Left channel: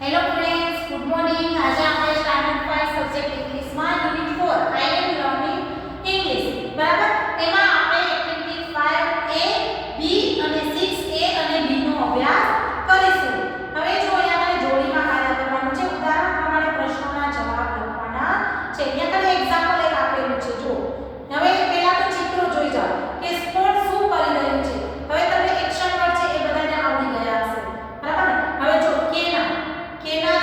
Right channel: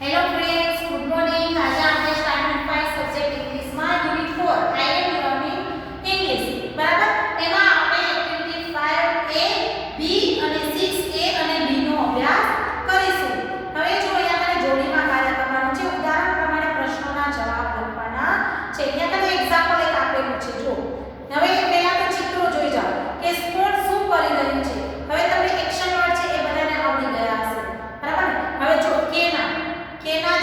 Hello friends, good morning. આજે આપણે standard 5 subject ઇંગ્લિશમાં યુનિટ 4 આઈ એમ લર્નિંગ ઇંગ્લિશ, બરાબર? એમાં આપણે એક્ટિવિટી 5A, B અને 6A અને D નો અભ્યાસ કરીશું. હવે જો અહીંયા તમારે જોડીમાં કાર્ય કરવાનું છે. ઉદાહરણ પ્રમાણે પ્રશ્નોના જવાબ લખવાના છે. અહીંયા તમે એક્ઝામ્પલ એક આપેલું છે, જો. હવે પહેલા તો ચિત્રો જોઈ જાઓ કે કોણ શું કરી રહ્યું છે. હવે તમને એક્શન વર્ડ છે એ બધાને આવડી ગયા હશે, બરાબર ને? હવે જો કેના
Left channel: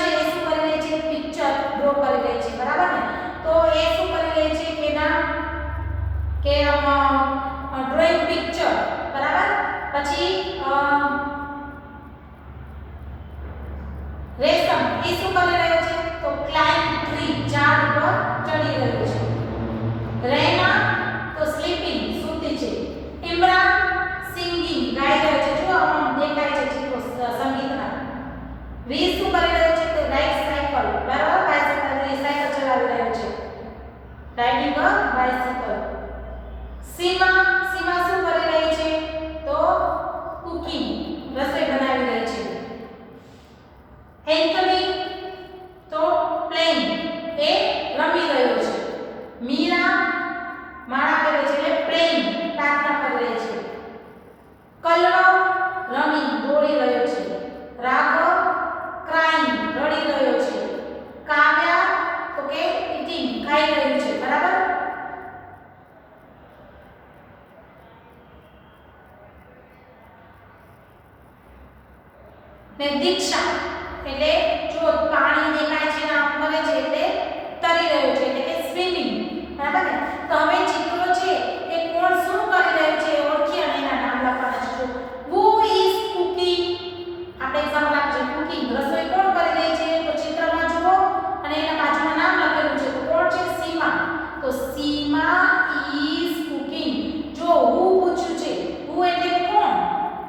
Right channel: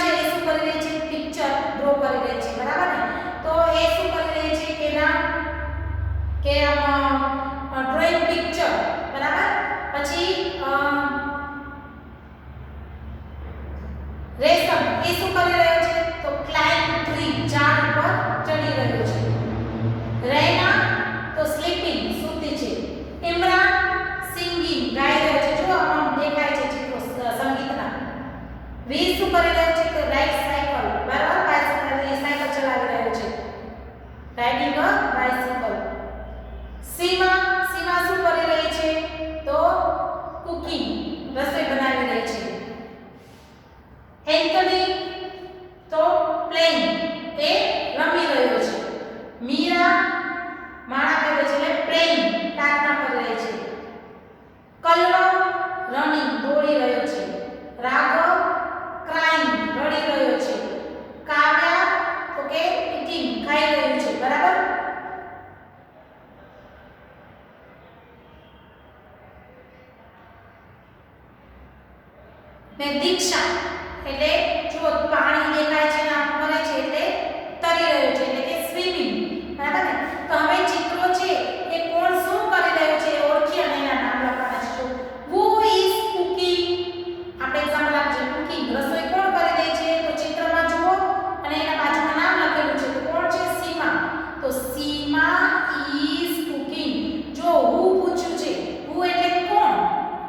છે એ શું કરી રહી છે? પિક્ચર ડ્રો કરી રહી છે, બરાબર ને? તો એ શું કરી રહી છે? કે ડ્રોઈંગ પિક્ચર, બરાબર? પછી રેશમ એ શું કરી રહ્યો છે? તો ક્લાઇમ્બ ટ્રી, ઝાડ ઉપર ચડી રહ્યો છે. રૈના તો સ્લીપિંગ, સૂતી છે. ઇમરાન સિંગિંગ, ગાઈ રહ્યો છે. જો દેખાય છે ચિત્રો સંગીતના. વી શું કરી રહ્યો છે? તો રાઇડ સાયકલ, બરાબર? સાયકલ ચલાવી રહ્યો છે, રાઇડિંગ અ બાઇસિકલ. સીમા શું કરી રહી છે? તો કુકિંગ, રસોઈ બનાવી રહી છે. એન્થની તો પ્લેઇંગ, એ રમી રહ્યો છે. મીરા માળા કરે છે એટલે પ્રેઇંગ, પ્રાર્થના કરી રહી છે. કલરવ રનિંગ, દોડી રહ્યો છે. રાઘવ ક્રાઇંગ, રડી રહ્યો છે. કાવ્યા તો કે ઇટિંગ, ખાઈ રહ્યું છે, બરાબર? ને દીક્ષા એટલે જો પાણી દેખાય છે ને આમ કરે છે એટલે તરી રહ્યો છે, એટલે કે સ્વિમિંગ, બરાબર ને? તો હવે ચિત્રો છે એ કોણ શું કરી રહ્યું છે ઓળખી અને એના નામ લખવાના છે. જો હુ ઇઝ કુકિંગ, આપણે એક્ઝામ્પલ આપજો. કુકિંગ, રસોઈ કોણ કરી રહી છે? તો ચિત્રમાં જુઓ અને એના બાજુમાં નામ લખેલું છે. તો કોણ છે? સીમા. તો સીમા ઇઝ કુકિંગ. જો હુ પૂછ્યું છે, હુ એટલે કોણ,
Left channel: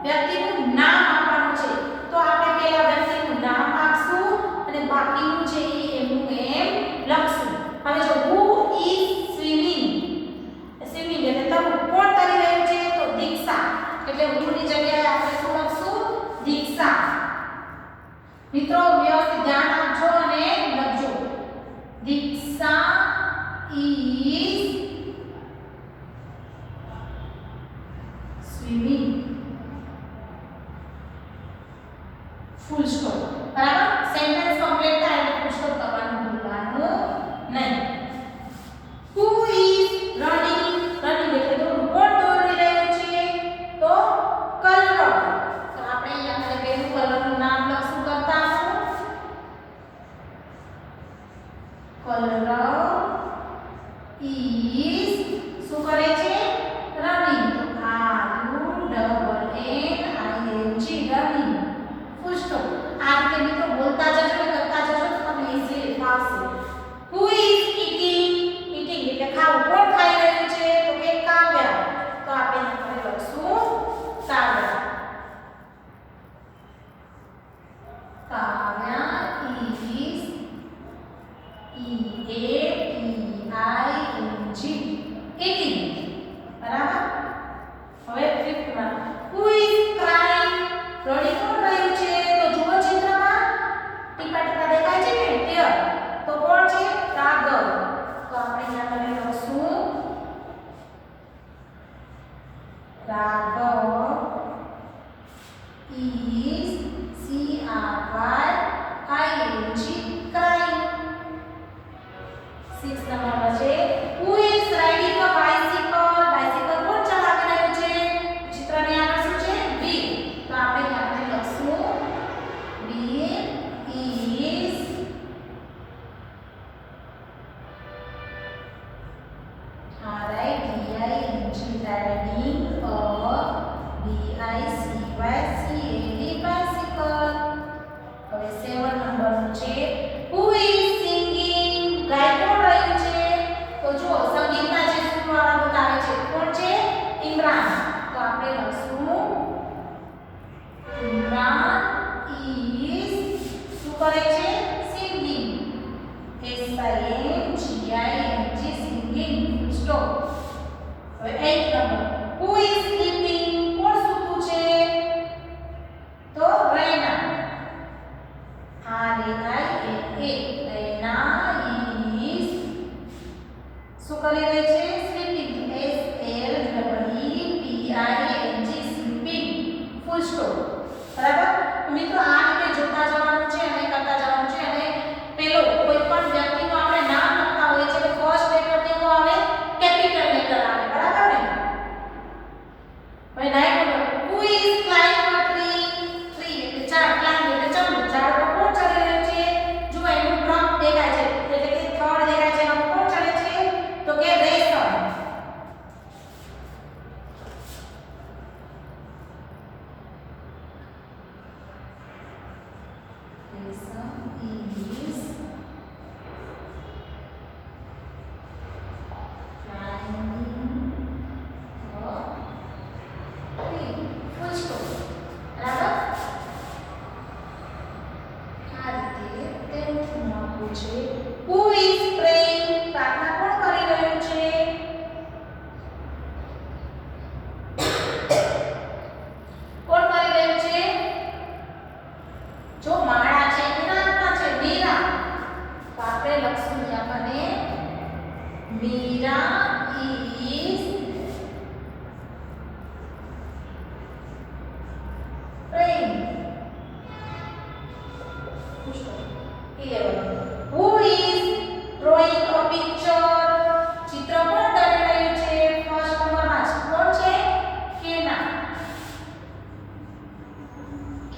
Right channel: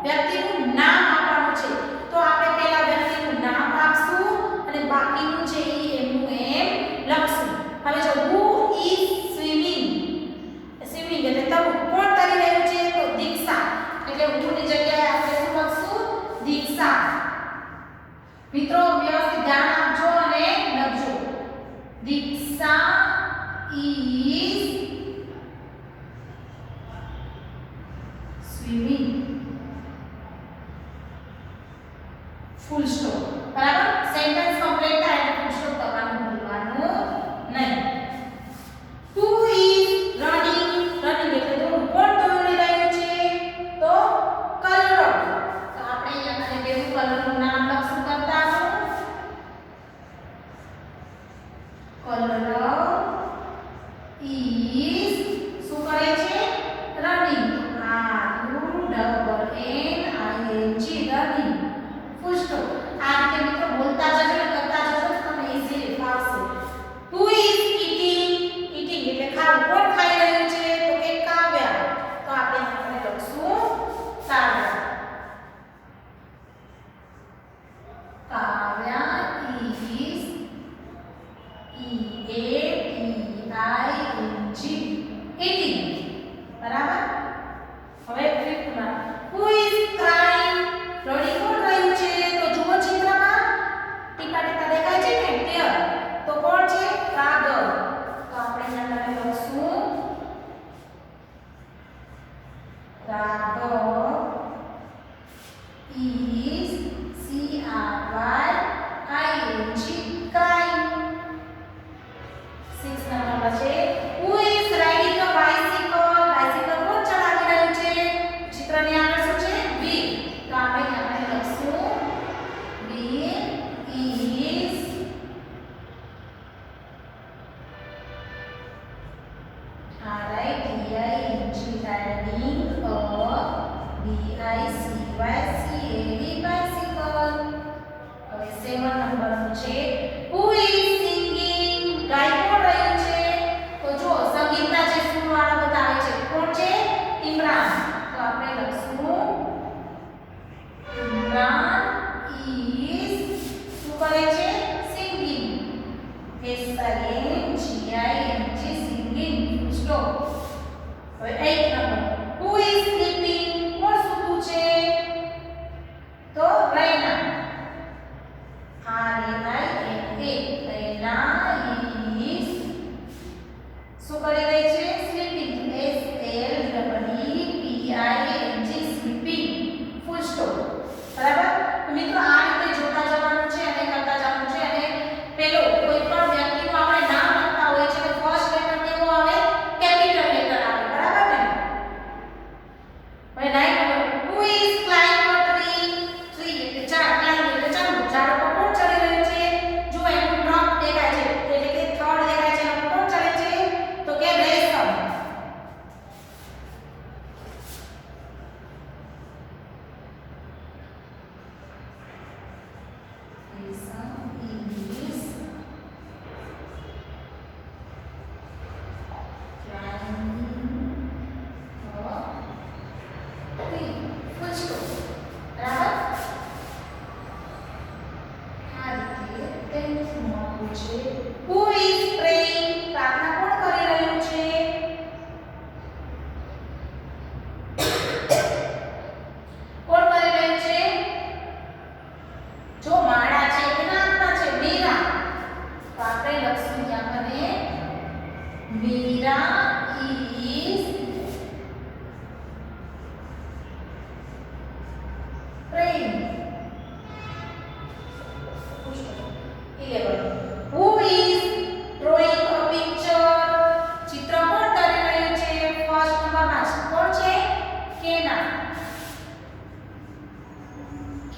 વ્યક્તિનું નામ આપવાનું છે. તો આપણે પહેલા વ્યક્તિનું નામ આપશું અને બાકીનું છે એ એમનું એમ લખશું. હવે જો હુ ઇઝ સ્વિમિંગ, સ્વિમિંગ એટલે તરવું. કોણ તરી રહ્યું છે? તો દીક્ષા, એટલે હુની જગ્યાએ આપણે શું લખશું? દીક્ષા. મિત્રો વ્યવસ્થિત ધ્યાન આપજો અને લખજો. દીક્ષા ઇઝ સ્વિમિંગ, ફૂલ સ્ટોપ, બરાબર? સેન્ટેન્સ કમ્પ્લીટ થાય એટલે ફૂલ સ્ટોપ કરવાનું ભૂલવાનું નહીં. હુ ઇઝ રનિંગ, રનિંગ એટલે દોડવું. કોણ દોડી રહ્યું છે? તો કલરવ. તો આપણે અહીંયા મને બેનું કલરનું નામ લખશું કરતા આપણું. કલરવ ઇઝ શું કરે છે? Running. RUNNING, running, full stop. આ રીતે મિત્રો બોલતા જજો ને કરતા જજો તો તમને ઈઝીલી ફાવશે. હુ ઇઝ ઈટિંગ, ઈટિંગ એટલે ખાવું. કોણ ખાઈ રહ્યું છે? તો કે કાવ્યા. તો આપણે અહીંયા લખશું કાવ્યા. કાવ્યા ઇઝ eating, બરાબર? હવે ફિફ્થ માં હુ ઇઝ ક્રાઇંગ, રડી કોણ રહ્યું છે? તો જુઓ ચિત્રમાં ટીપા ટીપા દેખાય છે ને ક્લિયર. તો કોણ છે? રાઘવ. તો આપણે અહીંયા નવી લખશું રાઘવ ઇઝ CRYING, crying. 6 નંબર છે who is riding a bicycle, bicycle કોણ ચલાવી રહ્યું છે? ચિત્રની આગળ શું છે? વ્હીલ. તો આપણે લખશું wheel is RIDING, riding a BICYCLE, bicycle. હવે 7 નંબરનું છે હુ ઇઝ સિંગિંગ, ગાઈ કોણ રહ્યું છે? તો જો સંગીતના જે સુરવાળો બતાવે છે કોણ છે? ઇમરાન. તો આપણે લખશું ઇમરાન ઇઝ શું કરે છે? Singing, SINGING, singing, stop. હવે 8 નંબર હુ ઇઝ સ્લીપિંગ, કોણ સૂતું છે? તો રૈના, RAINA.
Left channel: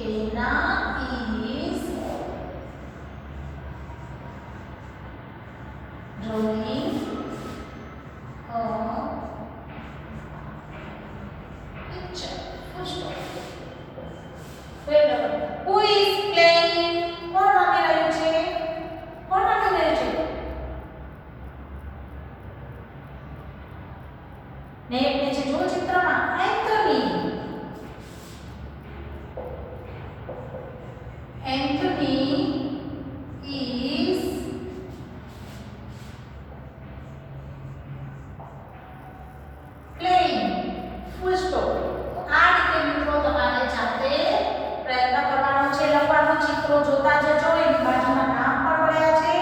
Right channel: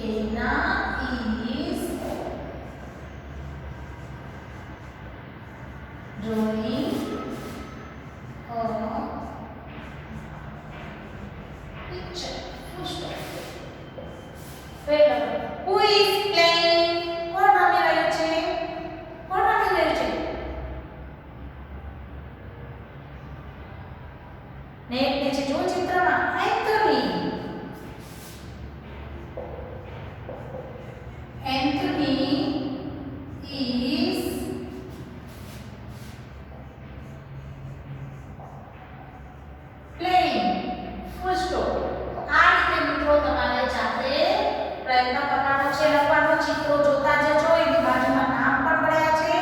એના is drawing a picture. Full stop. Who is playing? કોણ રમી રહ્યું છે? કોણ રમી રહ્યું છે? ને છે જો ચિત્રમાં Anthony. Anthony is playing. Full stop. આ રીતે મિત્રો તમારે જાતે પ્રયત્ન કરવાનો છે, લખવાનો. ચિત્રો જોતા જજો, એની બાજુમાં નામ પણ પડ્યા છે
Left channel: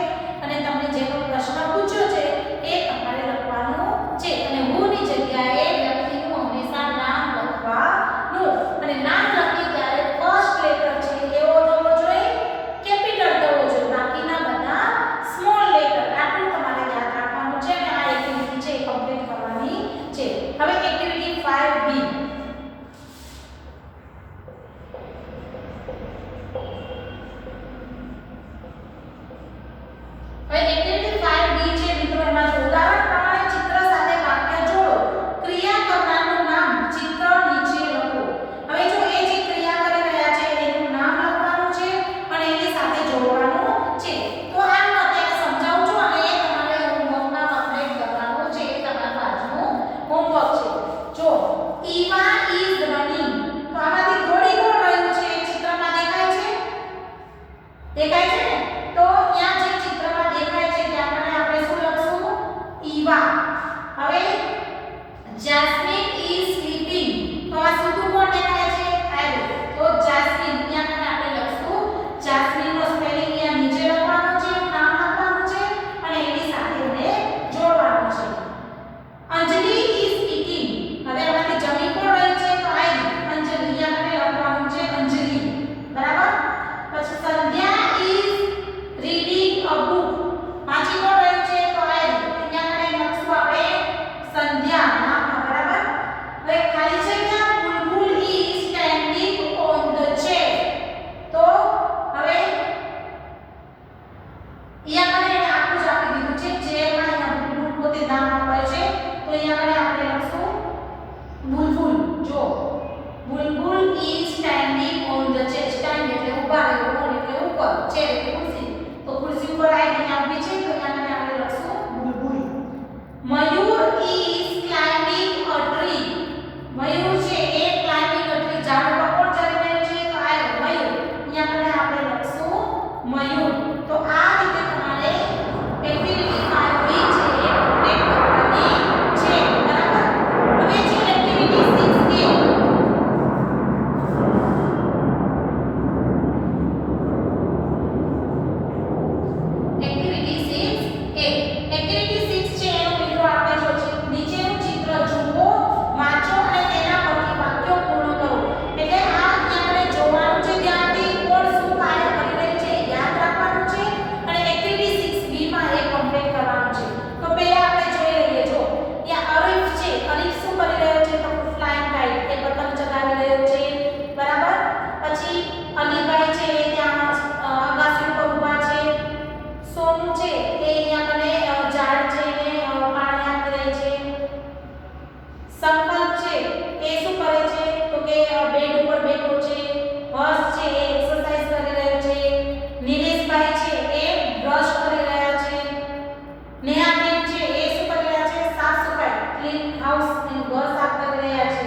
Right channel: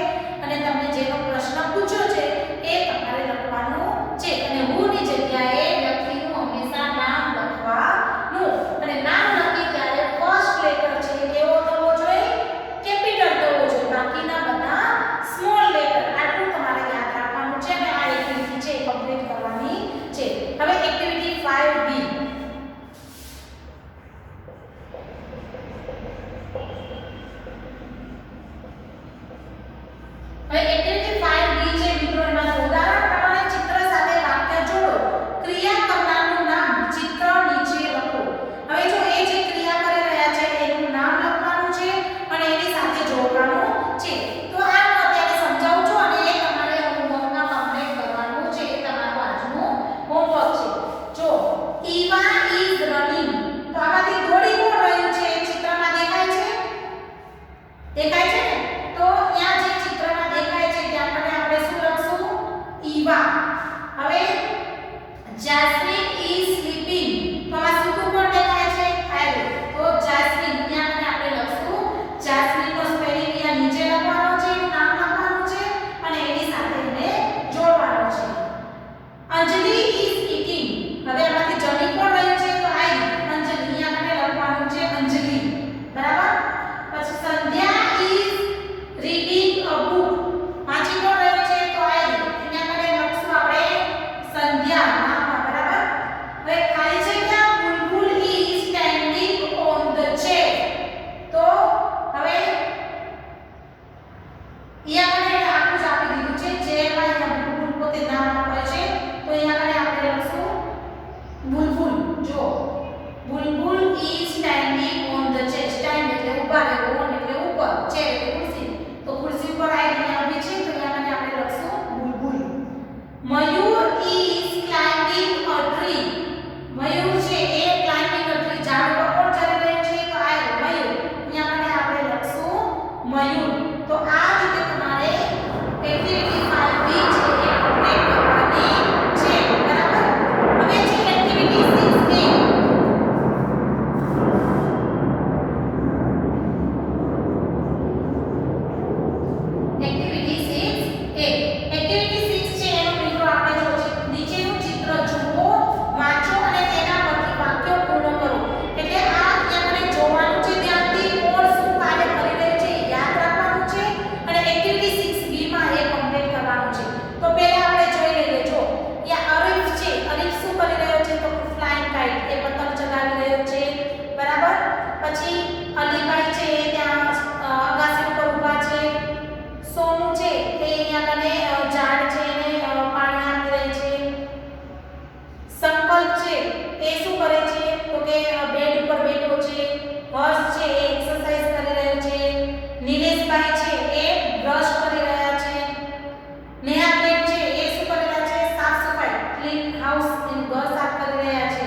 અને તમને જેનો પ્રશ્ન પૂછ્યો છે એ તમારે લખવાનું છે. અને હું ની જગ્યાએ વ્યક્તિનું હંમેશા નામ લખવાનું. અને નામ લખી ત્યારે ફર્સ્ટ લેટર છે કેવો થવો જોઈએ? કેપિટલ થવો જોઈએ. બાકીના બધા સ્મોલ લેટર. આટલું તમારે યાદ રાખવાનું છે અને આ એક્ટિવિટી છે એ કમ્પ્લીટ કરવાની છે. હવે એક્ટિવિટી 5B. હવે એક્ટિવિટી 5B છે મિત્રો. એમાં ઉદાહરણ પ્રમાણે ચિત્ર સાથે વાક્ય જોડો. ક્રિયા કરનારનું નામ ચિત્ર નીચે લખો. હવે જો એ જે ક્રિયા કરી રહ્યા છે એનું નામ લખવાનું છે અને એની સાથે જોડવાનું છે. તો આ હું અત્યારે સમજાવું છું અને એ તમારે હોમવર્કમાં કમ્પ્લીટ કરવાનું છે. એ તમારું આજનું હોમવર્ક છે. જો ઈવા ઇઝ રનિંગ, તો આમાંથી દોડી કોણ રહ્યું છે? ચિત્રમાં દેખાય છે? દેખાય છે ને? તો ત્યાં જે ચિત્રમાં દેખાય છે ત્યાં મને આપણે શું લખશું? ઈવા. હવે જાસ્મિન ઇઝ સ્લીપિંગ, તો આમાં સૂતું કોણ દેખાય છે? આયરો. તો જાસ્મિન ત્યાં મને આપણે લખશું જાસ્મિન નો સ્પેલિંગ અહીંયા નીચે લખવાનો છે, એનું નામ લખવાનું છે અને એની સાથે એને જોડવાનું છે. અંજલિ ઇઝ ઈટિંગ, હવે આમાંથી જમી કોણ રહ્યું છે? તો આયરી. અંજલિ અહીંયા મને લખવાનું છે અંજલિ. બરાબર? પછી સંધ્યા ઇઝ રીડિંગ અ બુક, વાંચી કોણ રહ્યું છે? તો આયરી. અહીંયા મને લખશું આપણે સંધ્યા નામમાં. બરાબર? હવે ખાલી જગ્યા Bulbul is standing on the chair, તો હવે અહીંયા મને આખું જ આપી દીધું છે. ચેરમાં અહીંયા બુલબુલ પોતે નામ આપે છે, તો અહીંયા મને આપણે લખશું બુલબુલ. જો Bulbul is standing on the chair. Stand એટલે ઊભા રહેવું, ઓન એટલે ઉપર, ચેર એટલે ખુરશી. તો ખુરશી ઉપર આવીને અહીંયા ઊભી છે, તો અહીંયા મને આપણે લખશું બુલબુલ. મયુર ઇઝ ક્લાઇમ્બિંગ અ ટ્રી, મયુર છે એ ક્લાઇમ્બિંગ અ ટ્રી, ઝાડ ઉપર કોણ ચડી રહ્યું છે? તો આ મયુર. અહીંયા મને આપણે લખશું મયુર. તો આ રીતે તમારે એક્ટિવિટી 5B છે એ કમ્પ્લીટ કરવાની છે. બરાબર? હવે છે activity 6A. Activity 6A. Activity 6 છે એનો મિત્રો આપણે જો નીચેનું ચિત્ર જુઓ, વાંચો અને તેના પરથી વાક્યો પૂર્ણ કરો. એટલે આ અહીંયા મને જોવાનું છે, ત્યાંથી કોણ શું કાર્ય કરી રહ્યું છે એ યાદ રાખવાનું છે અને એક્ટિવિટી 6B માં એ કમ્પ્લીટ કરવાનું છે. તો પહેલા આપણે જોઈ લઈએ. જો અહીંયા અરીફ છે. અરીફ શું કરી રહ્યો છે? તો ફ્લાઇંગ કાઇટ, એ પતંગ ચગાવી રહ્યો છે. બરાબર? પછી અલીભાઈ છે એ ત્યાં અગાસી ઉપર ઊભા છે. સોમુ છે એ અહીંયા કને ઝાડ છે એને પાણી આપી રહી છે. સંકલ્પ છે એ શું કરે છે? તો કે બેડ ઉપર બેઠો છે. હર્ષ છે એ એક્સરસાઇઝ કરી રહ્યો છે. નિલેશભાઈ છે એ બ્રશ કરી રહ્યા છે. નેહાબેન છે એ શું કરી રહ્યા છે? સાફ સફાઈ, ક્લીન હાઉસ, એનું ઘર સાફ કરી રહ્યા છે.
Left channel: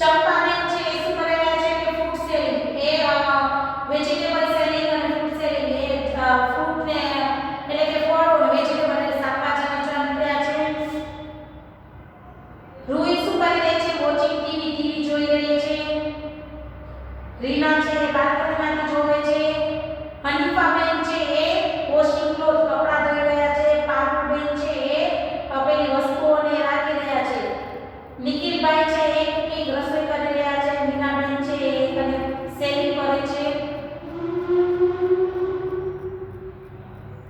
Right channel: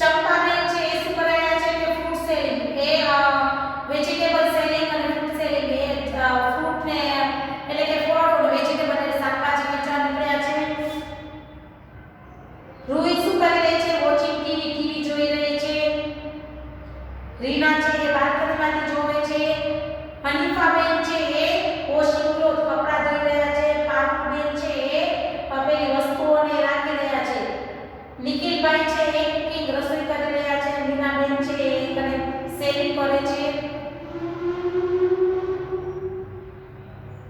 ચંપાબેન છે એ શું કરી રહ્યા છે? કે ફ્રૂટ સેલિંગ, એ વેજીટેબલ સેલિંગ અને ફ્રૂટ સેલિંગ, એ ફ્રૂટ ને એટલે કે ફળ અને વેજીટેબલ એટલે શાકભાજી વેચવા નીકળ્યા છે. રૂહી શું કરી રહી છે? વોચિંગ ટીવી જોઈ રહી છે. રીના છે એ બાલ્કનીમાંથી જોવે છે. હનીફાબેન છે એ વોશિંગ ક્લોથ, કપડા ધોઈ રહ્યા છે. પારુલબેન છે એ પેલી વસ્તુઓને રાખી રહ્યા છે. નિખિલભાઈ છે એ કુકિંગ, રસોઈ કરી રહ્યા છે. મીનાબેન છે એ કને સેલિંગ કરે છે.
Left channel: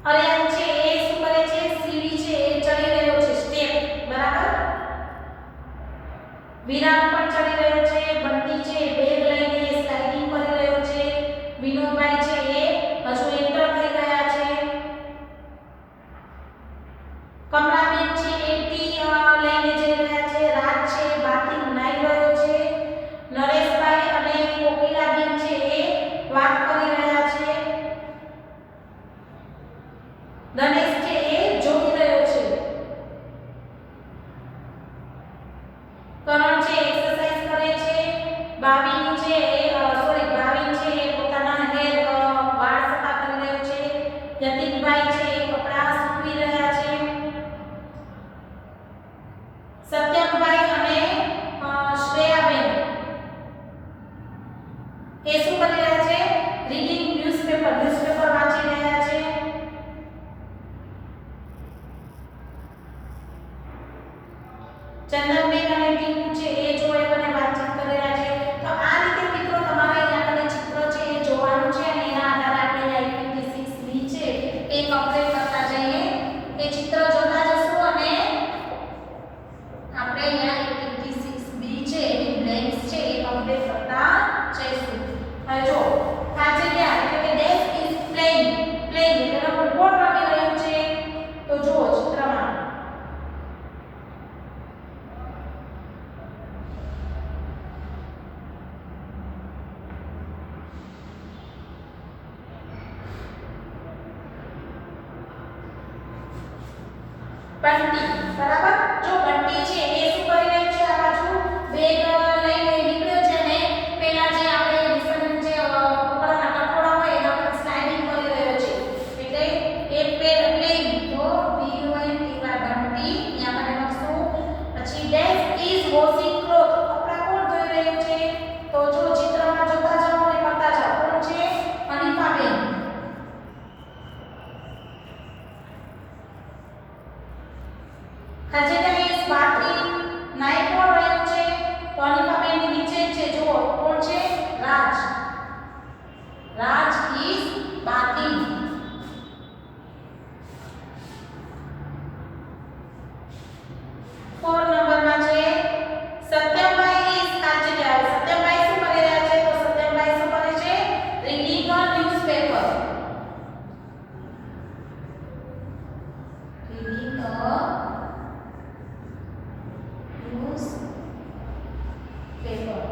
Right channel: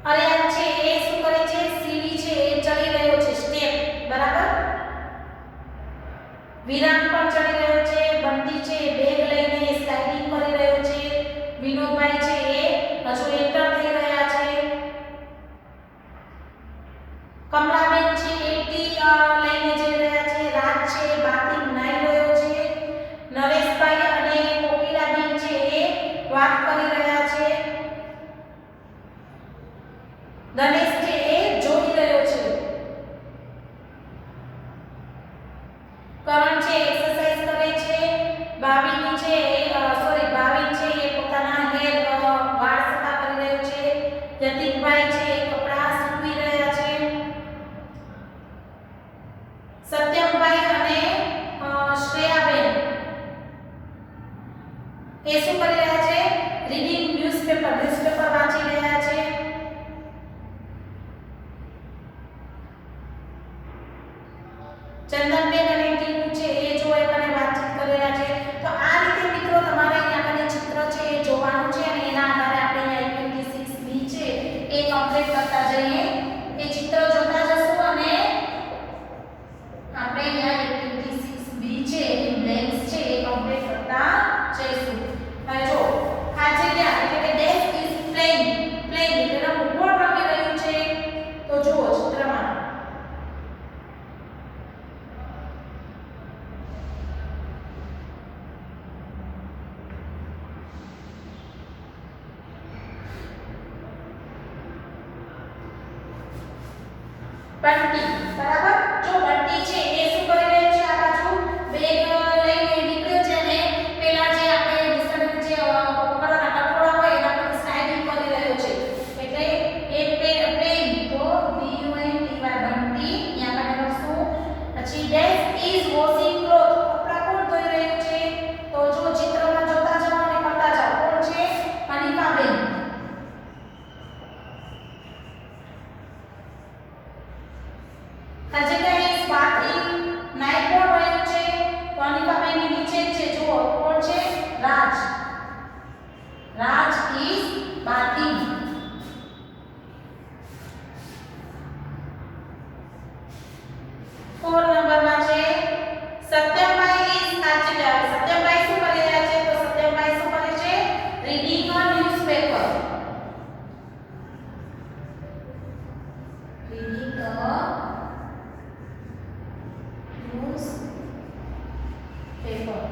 અરિયાન છે એ શું કરે છે? સીડી છે એ ચડી રહ્યો છે, સ્ટેપ. બરાબર? વિરાગ પણ ચડી રહ્યો છે, બંટી છે બેગ લઈને સ્લાઇડિંગ કરી રહ્યો છે, વિનોદભાઈ છે એ હજુ એન્ટર થઈ રહ્યા છે, કમલાબેન છે એ ટી લઈને જઈ રહ્યા છે, રાજ છે બાથિંગ નાઈ રહ્યો છે, નરેશભાઈ અને કોકિલાબેન છે એ વાત કરી રહ્યા છે, ગણેશ છે એ જોઈ રહ્યો છે, કરણ છે એક્સરસાઇઝ કરે છે, ભાવિની છે ભાવિન છે એ પોતાના વાળ સફા કરી રહ્યો છે, યતિકભાઈ છે એ કપડાં સૂકવી રહ્યા છે, સત્યમભાઈ અને શ્રેયાબેન એ શું કરી રહ્યા છે? રીડિંગ ન્યૂઝપેપર વાંચી રહ્યા છે, ચંદનબેન અને ટીનુ છે એ જો એકને વાતચીત કરી રહ્યા છે. તો આ રીતે મિત્રો તમારે અહીંયા કને ચિત્ર છે એ જોવાનું છે અને એના આધારે આપણે અહીંયા એક્ટિવિટી 6 બી છે એ કમ્પ્લીટ કરતા જઈએ. એ ચિત્ર જોતા જશું અને આપણે અહીંયા એક્ટિવિટી 6 બી છે એની બ્લેન્ક્સ છે એ કમ્પ્લીટ કરતા જઈશું. હવે જો આ જગ્યા એટલે કે ડેશ ઇઝ પ્લેઇંગ એટલે ફૂટબોલ રમી રહ્યું છે. તો જુઓ ચિત્રમાં બંટી બરાબર. જો બંટી છે એ શું કરી રહ્યો છે? આ બાજુ બેગ લઈને નીકળ્યો છે અને પેલા જે આપણે ડિસ્ટન્સ જે ઉપરના કઠોળા હોય એના પર સ્લાઇડિંગ કરી રહ્યો છે. એટલે એ પ્લેઇંગ તો BUNTY બંટી અહીંયા આપણે લખશું. પછી ડેશ ઇઝ વોશિંગ ક્લોથ કપડા કોણ ધોઈ રહ્યું છે? તો જો ચિત્રમાં જોતા જાઓ અને કરતા જાઓ. કોણ છે? અનિકાબેન. Kajika is bathing નાઈ કોણ રહ્યું છે? તો અનિકાબેનની નીચે છે જુઓ કોણ છે? રાજ is bathing. ફોર નંબરમાં છે સત્યમભાઈ is કાચિલા. સત્યમભાઈ શું કરી રહ્યા છે? તો સત્યમભાઈ શું કરે છે? Reading a newspaper. Reading a newspaper.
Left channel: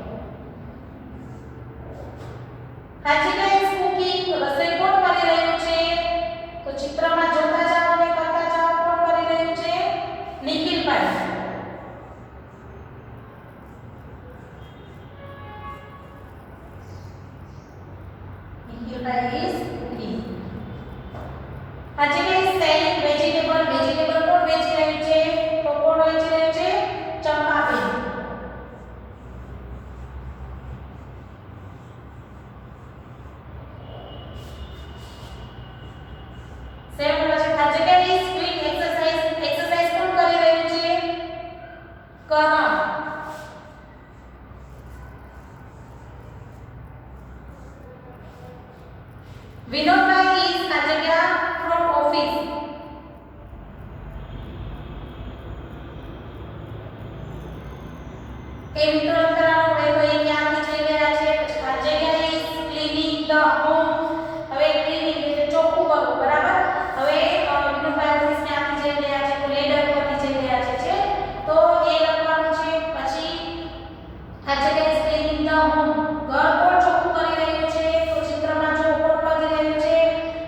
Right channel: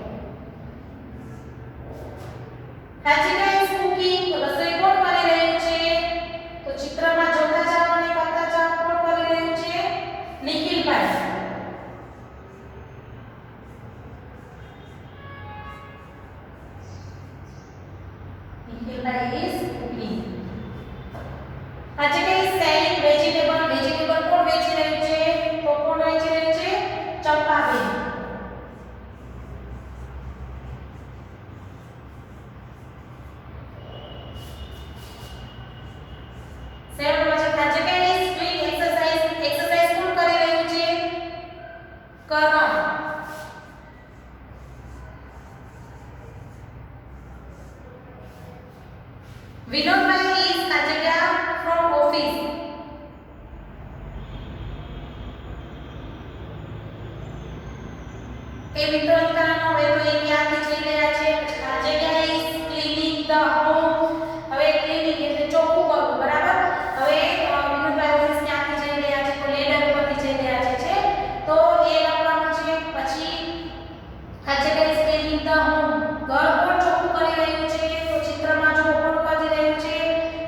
Kajika is cooking. તો રસોઈ કોણ કરી રહ્યું છે? તો ચિત્રમાં જોતા જાઓ અને કરતા જાઓ. કોણ કરી રહ્યું છે? નિખિલભાઈ. નિખિલભાઈ is cooking. Kajika is selling vegetable. Vegetable કોણ વેચી રહ્યું છે? તો કોણ વેચી રહ્યું છે? ચંપાબેન. સેવન માં છે Kajika is doing exercise. Exercise કોણ કરી રહ્યું છે? કરણ. Vinodbhai is Kajika from office. એ મિત્રો કરવાનો એ તો એ ક્યાંથી જઈ રહ્યા છે? પછી Kajika is cleaning the home. હવે ક્લીનિંગ એટલે ચોખ્ખું કરવું બરાબર. હવે વિનોદભાઈ ઓફિસ ક્યાંથી જઈ રહ્યા છે? તો લેડર પરથી જઈ રહ્યા છે. તો એ લખવાનું છે. પછી Kajika is cleaning the home. ઘર કોણ ચોખ્ખું કરી રહ્યું છે? તો ચિત્રમાં જો કોણ કરી રહ્યું છે?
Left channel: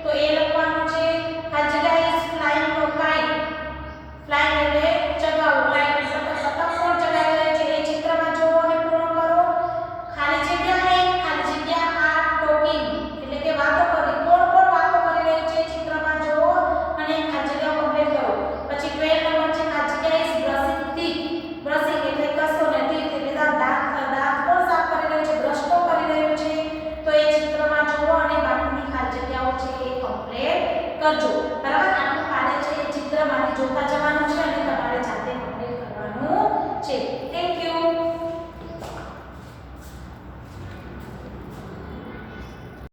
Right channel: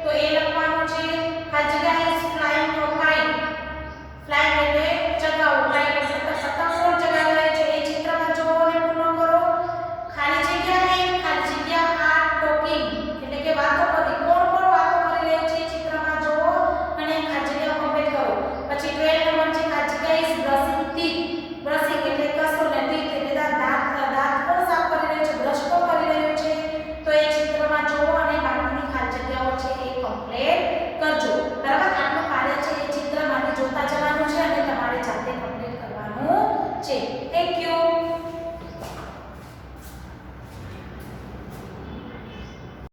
તો એ લખવાનું છે. Kajika is flying a kite. Flying એટલે ચગાવવું. ફ્લાઇંગ એટલે સતત કોણ ચગાવી રહ્યું છે? એ ચિત્રમાં જોવો અને પૂર્ણ કરો. ખાલી જગ્યા આ ટોકિંગ એટલે કે વાતો કરવી. કોણ વાતો કરી રહ્યું છે? ચિત્રમાં જોવો અને ખાલી જગ્યા કમ્પ્લીટ કરો. પછી 12 નંબર છે Kajika is brushing teeth. Brushing એટલે કસો ને teeth એટલે દાંત કોણ સાફ કરી રહ્યું છે? બ્રશ કોણ કરી રહ્યું છે? તો એ ચિત્રમાં જોવો અને બાકીની ખાલી જગ્યાઓ છે એ કમ્પ્લીટ કરજો.